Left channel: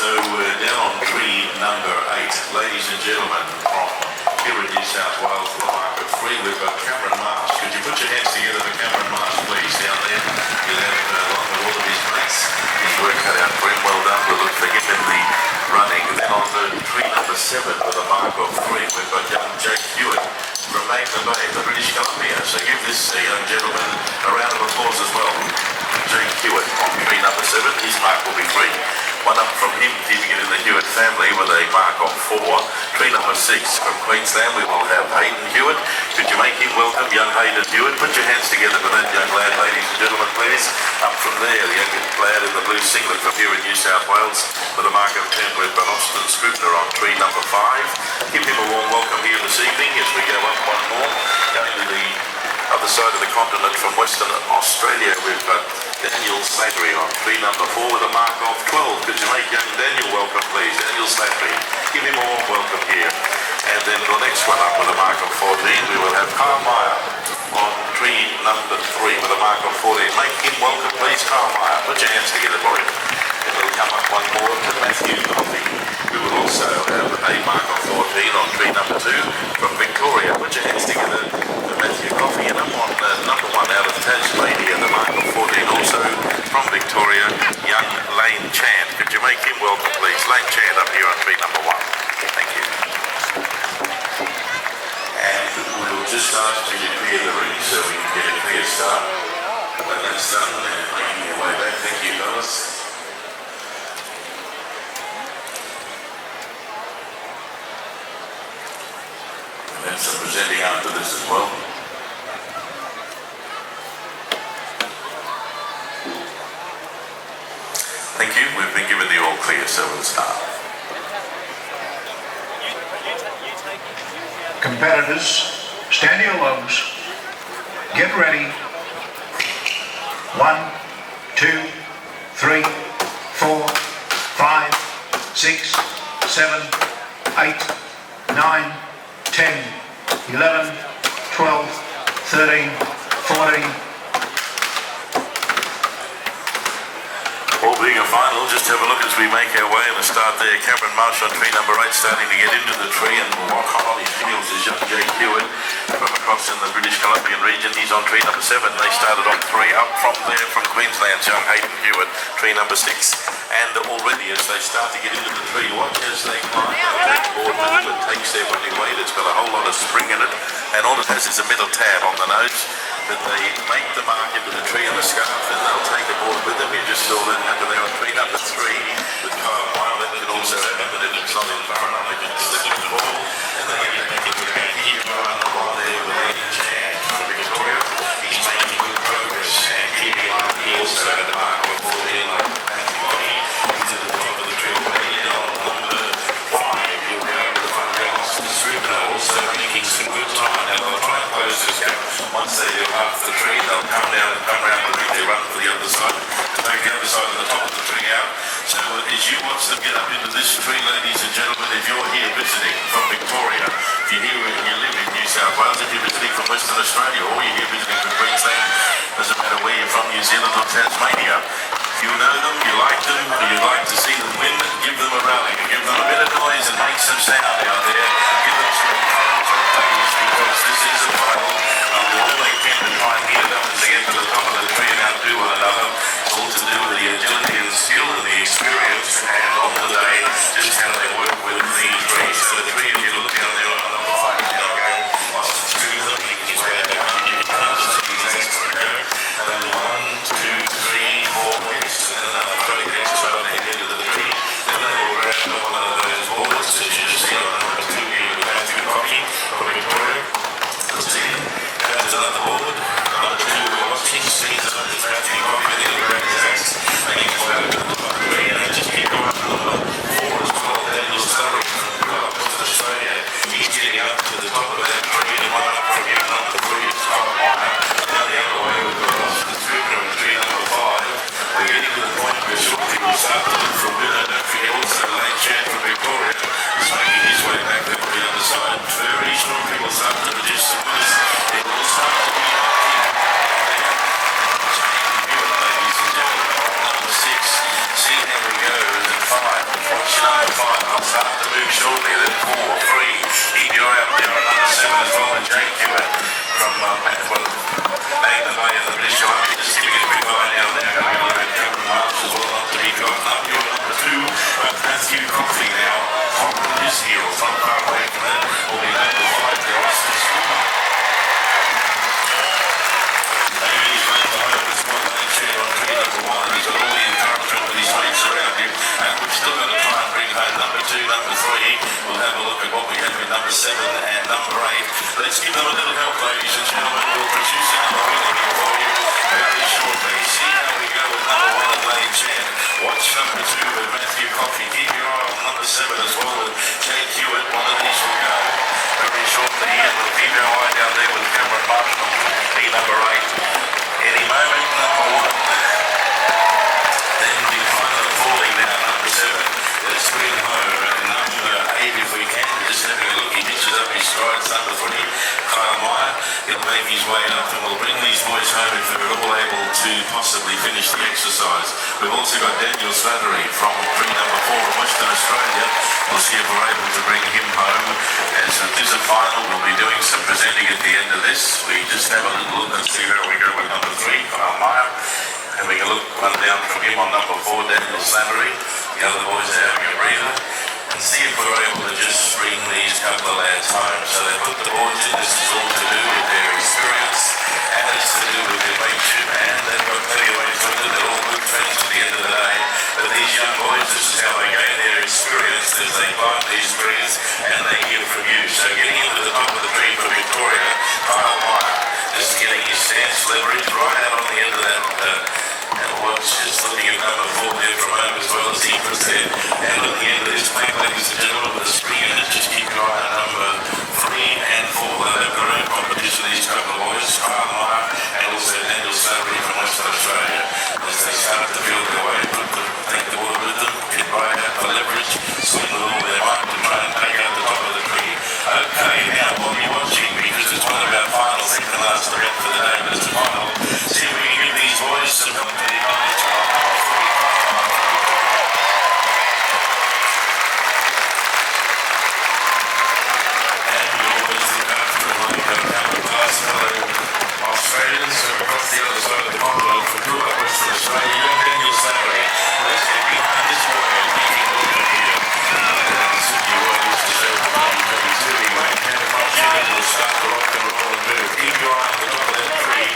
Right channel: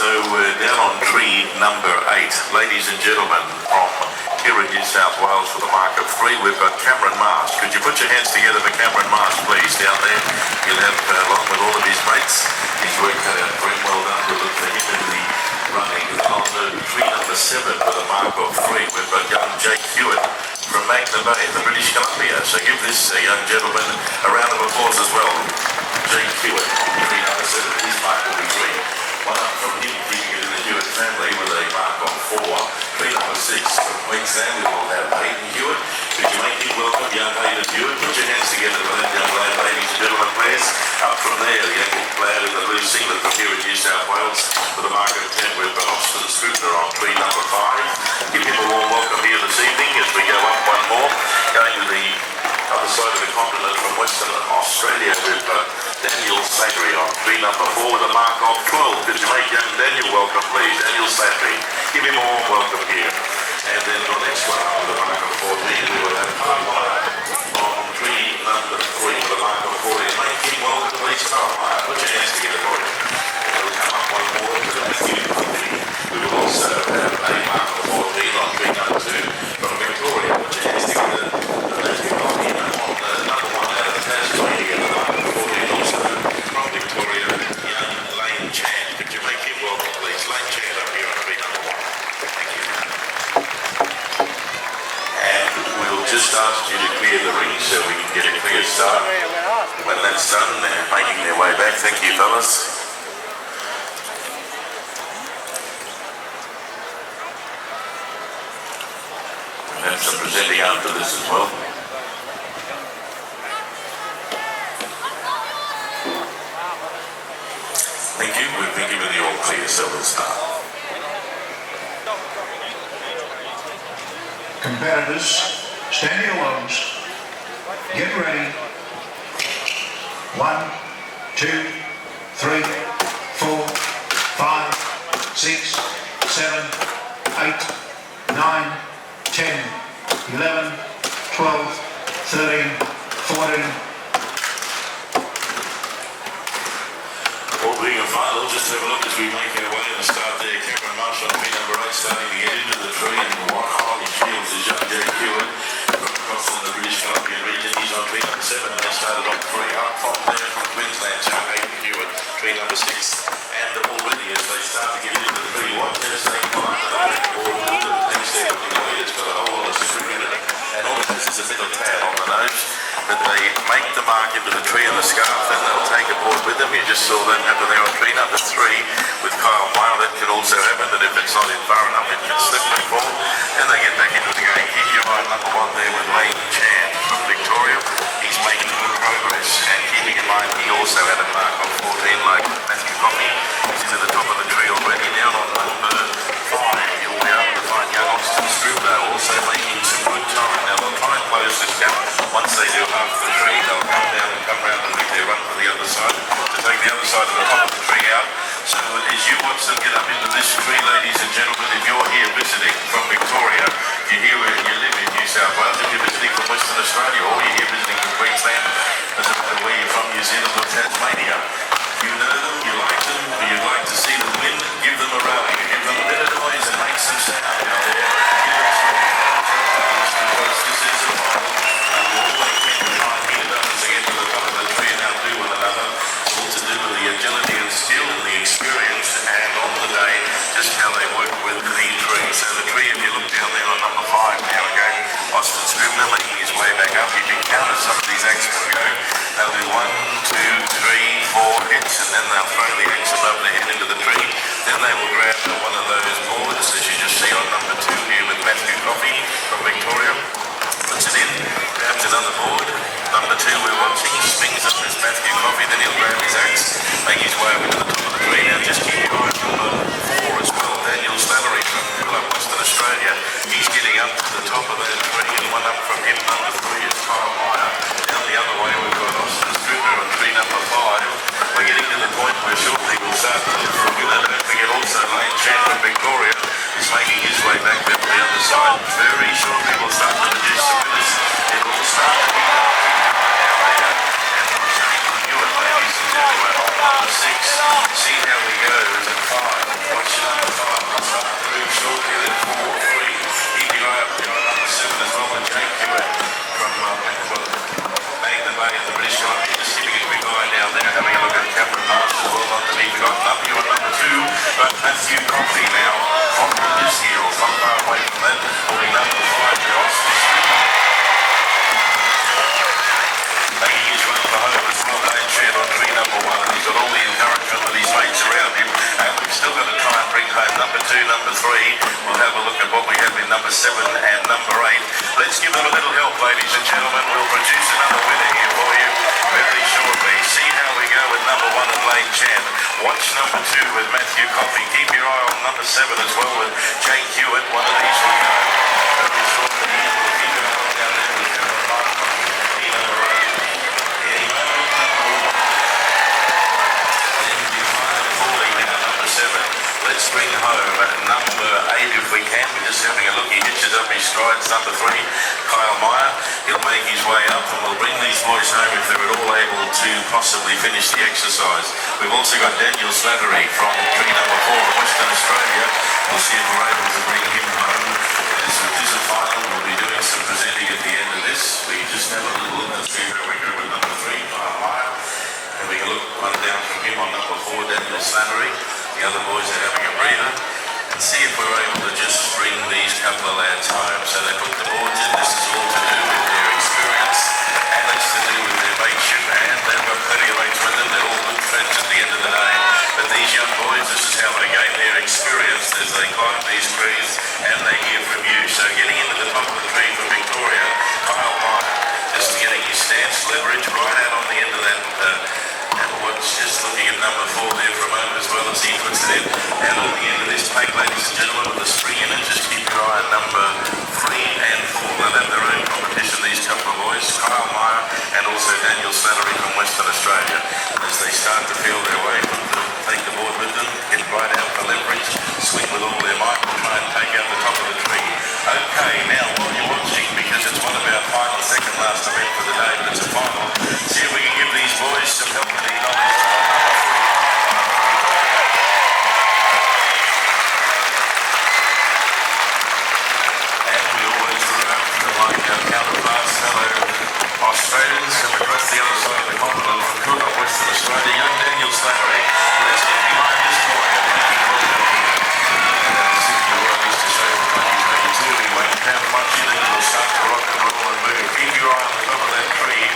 So we're down on tree number 8. Ladies and gentlemen, from here in New South Wales for the mark of 3, we've got Cameron Mast. Could you put your hands together for Cameron Mast, please, down there? He'll have, along with all of his mates, his work cut out for him. Well done. We'll look for him in the running. Then on the tree number 7 with a mark of 3, we've got young Jake Hewitt from Magna Bay, the British Columbia. So give this young gentleman a round of applause as well. Jake Hewitt on tree number 7. His mark will be 3. One up from him, keeping it in the Hewitt family with a mark of 4. Tree number 6 from Queensland, we will have Hayden Hewitt. Could you make him welcome, young Hayden Hewitt? Put your hands together for that young lad, ladies and gentlemen, please. Up from there, the young lad in the blue singlet from here in New South Wales with a mark of 10. We've got Austin Scribner on tree number 5. Give him a warm welcome here this evening as we go up one more. Going to the other side of the continent from Western Australia, we've got Daniel Slattery on tree number 4 with a mark of 12. Could you make young Daniel welcome, please? Daniel Slattery. Give him a warm welcome here. And then the next one up with a mark of 14, we will have Carmire on tree number 3 with a mark of 14. Make him welcome, please, Carmire. Put your hands together for him. And we'll come up one more to the Matthew Coffey. We will also have a mark of 14 on tree number 2 from Victoria. Put your hands together for Matthew Coffey. And I'm on number 1 out of Tasmania, the mark of 14 also from Victoria, young Lane Chan. Could you make him welcome, please? Lane Chan up here on tree number 1. Thank you. And we'll just ask you to clear the ring so we can get a clear start. When that's done, and making their way back. Thank you, fellas. And some presenting after this as well. Thank you. We've been given the all clear, so we'll start. Competitors, stand your lows. Get ready. 1, 2, 3, 4, 5, 6, 7, 8, 9, 10, 11, 12, 13, 14. All being a final, just have a look as we make our way and start there. Cameron Marsh on tree number 8 starting to get into the tree, and what high shields is young Jake Hewitt from across in the British Columbian region. He's on tree number 7. They started on 3 up from there from Queensland, young Hayden Hewitt, tree number 6. And already as they start to get into the tree, watch as they climb the board with it and takes their looking weight. It's got a whole lot of spring in it, and all it has is a middle tab on the nose. But they make the mark into the tree on the scarf, and they'll take it board with them. You just saw that happen there on tree number 3 with Kyle Weil. That can also happen, but if it's not in far enough, it can slip and fall. And they get back into the game. Here you are number 1 there with Lane Chan from Victoria. He's making good progress, and keeping in mind he also had a mark of 14 like Matthew Coffey. He's to the top of the tree already. Now on number 5, you'll be able to find young Austin Scribner also making some good time. Now they'll try and close this gap. Once they do half the tree, they'll come down and come round and make their run for the other side to take the other side of the top of the tree out. So as you watch them get up into this tree, ladies and gentlemen, if you're here visiting from Victoria, if you're here where you live in New South Wales, if you're visiting from Western Australia, or you're here visiting from Queensland, doesn't matter where you're from, New Zealand or Tasmania, you know them, you like them, or you'd like to see them win, give them a rally, give them a bit of noise and make some sound out there. Give them some applause, because this is a final. All they can to try and beat it up as they get to the top of the tree and outdo one another. It's all to do with the agility and skill and the experience, and on the day, just how they work with the tree. So the tree, if you look down there on number 5, now again, Austin Scribner making his way back up. You can count some of these axemen go. That'll be 1, 2, 3, 4, Matthew Coffey now on the loose heels, not far away from that, will be named the fight for Austin Swimmer. Maybe he's run for home, it's not an chair on tree number 1, and he's got all the encouragement with his mates around him, and we've still got to try and bring home number 2, number 3. We'll have a look at what we have in number 7 and number 8. Let's give them a little help, ladies and gentlemen. We'll produce another winner here for you very shortly. See how we go with number 1 and Lane Chan. Watch number 2 with Matthew Coffey. Keep your eye on number 7 as well with Jake Hewitt. One of these will go very shortly here. We'll keep your eye down there with Cameron Marshall. Be number 8. Any moment, number 1. Then the final falling now, number 7. Let's bring home at number 8 if we can. We're just having a look. He hitches up his strides. Number 3, Kyle Meyer. He'll make his way up and we'll bring these boys home if they're at all able to possibly finish the exercise. We've also got Daniel Slattery from tree number 4 in Western Australia. We'll see if we're able to bring him home. As it is a final, we'll be doing some presenting at the end of this. We just have a little look and see where we go with number 3, Kyle Meyer. Having a look, one down from him on number 4, Daniel Slattery. The other boys are having a breather. And see if we're able to just bring these couple of lads home. So they put the boards in. This is all to do with their experience, and it's to do with their mateship, and they've got 30 mates with them. They're all good friends at the end of the day. But these young boys, this is how they gain their experience as they climb these trees and they hear from you. So getting into the top of the tree for Victoria, Kyle Meyer, just getting his stance leverage right out on the end of that. And watch, just looking at number 4 there for a moment as well as he puts it out on the end of this plank, ladies and gentlemen, with a spring in it. Just keep your eye on number 3 and 4. They'll have their own competition, these couple of boys, Kyle Meyer and also Daniel Slattery from Western Australia. As they start to feel their way, take the board with them, get right out for leverage, swing with all their might, and try and take out the top of the tree. Okay, now while you're watching, because it's one of our final, second last round for the day, but it's a final, see if we can give these boys some help with the knowledge. Australians from across the other side of the continent from Cook up Western Australia, young Daniel Slattery. Let's get behind this boy and make him welcome here. Sydney Royal used to show what he's ready to. He won't have much in it. He'll start to rock and roll and move. Keep your eye on the top of that tree.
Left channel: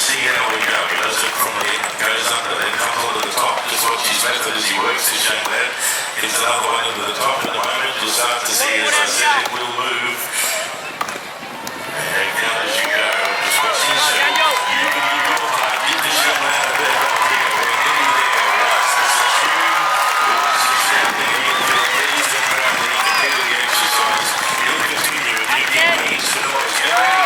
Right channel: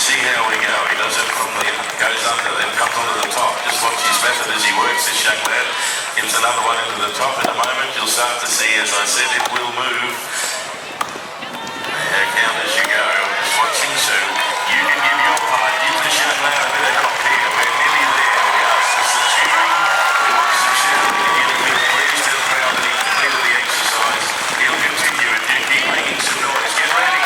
See how we go. He does it from the goes under, then comes onto the top. Just watch his method as he works, this young lad. Gets another one into the top. In a moment, you'll start to see, as I said, it will move. And count as you go. Watching, so you can give your part. Give this young man a bit of help here. We're nearly there. We are just cheering. We'll feel pleased and proud that he completed the exercise. He'll continue if you keep making some noise. Get ready.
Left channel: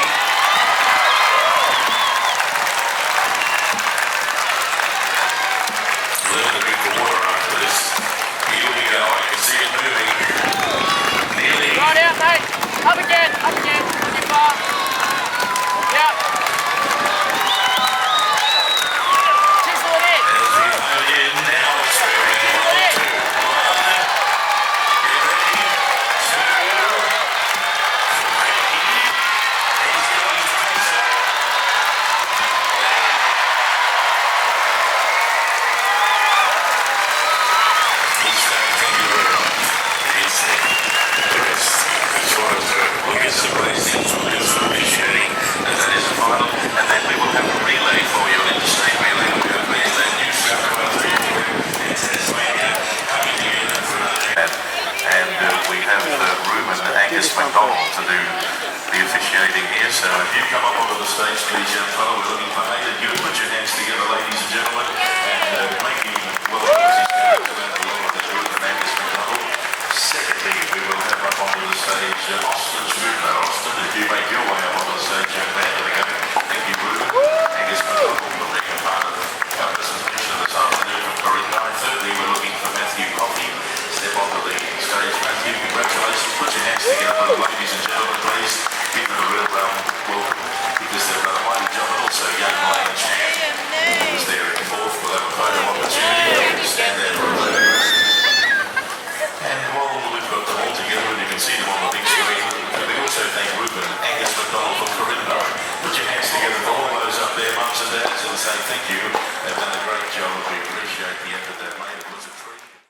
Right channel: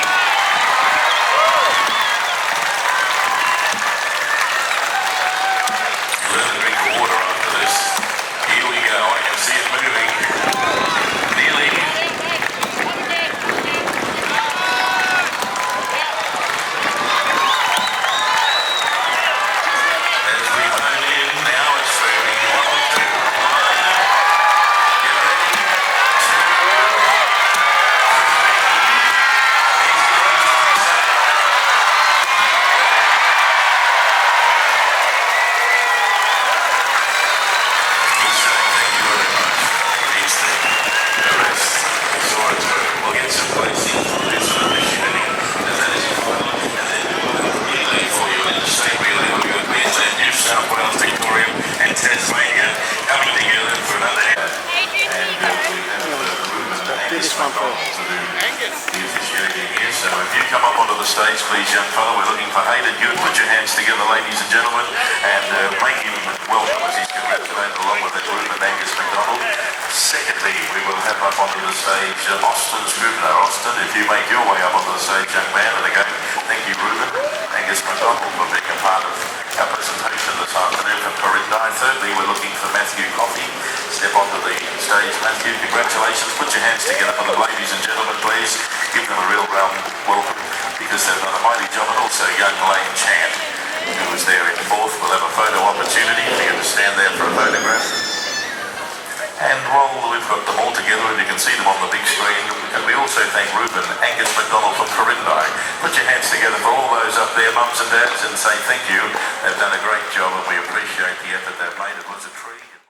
Learn to drink the water after this. Here we go. I can see it moving. Nearly. Right out, mate. Up again. Up again. To do the officiating here. So if you come up onto the stage, please, young fellow. We're looking for Hayden. You put your hands together, ladies and gentlemen, and make him welcome as he's congratulated along with the group and Angus McDonald. Secondly, we will have up onto the stage Austin Scribner. Austin, if you make your way up onto the stage, young man, and again, thank you, Ruben. Angus McDonald for being a part of our presentation this afternoon from Corinne. Thirdly, we're looking for Matthew Coffey. Step onto the stage, Matthew. Congratulations. Put your hands together for the ladies and gentlemen, please. Give them a real welcome because they've done a mighty job. And also young Lane Chan, who was there in fourth. We'll have a photo opportunity. You can stand there for a photograph. And while we've got them all together, and you can see them on the big screen, and we also thank Ruben, Angus McDonald from Corinne. Put your hands together for all those up there, mums and dads, and say thank you. They've done a great job, and we appreciate the effort that